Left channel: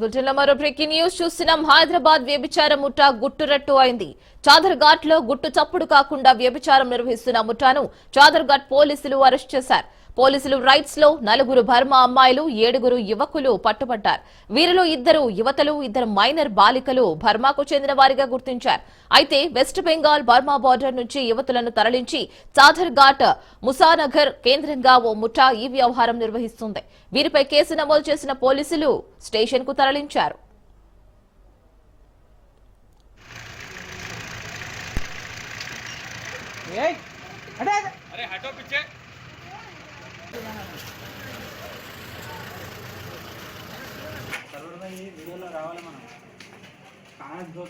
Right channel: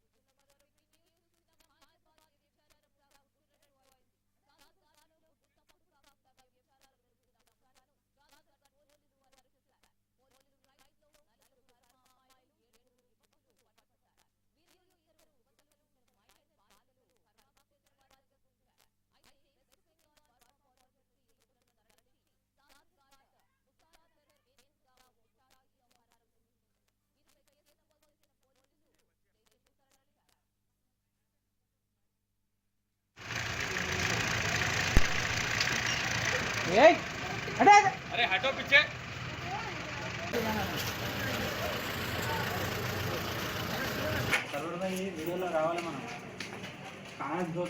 బులెటిన్లో మరో breaking news చూస్తున్నాం. హైదరాబాద్ వ్యభిచార ముఠా గుట్టురట్టు అయింది. చాదర్ఘాట్ లో గుట్టు చప్పుడు కాకుండా వ్యభిచారం నిర్వహిస్తున్న ముఠాను చాదర్ఘాట్ పోలీసులు అరెస్ట్ చేశారు. పోలీసులు రైట్స్ లో 4 బర్మా అమ్మాయిలు 7 యువకులు పట్టుబడ్డారు. వీరిలో 2 యువతలు 2 మైనర్ బాలికలు బర్మాకు చెందిన వారిగా గుర్తించారు. అయితే వెస్ట్ బెంగాల్ బర్మా బార్డర్ నుంచి యువతులను తరలించి చాదర్ఘాట్ ముసానగర్ కేంద్రంగా ఓ ముఠా ఈ వ్యవహారం నిర్వహిస్తుంది. వీరిపై కేసు నమోదు చేసిన పోలీసులు స్టేషన్ కు తరలించారు. వీడియోలో రావాలి మనం కాదు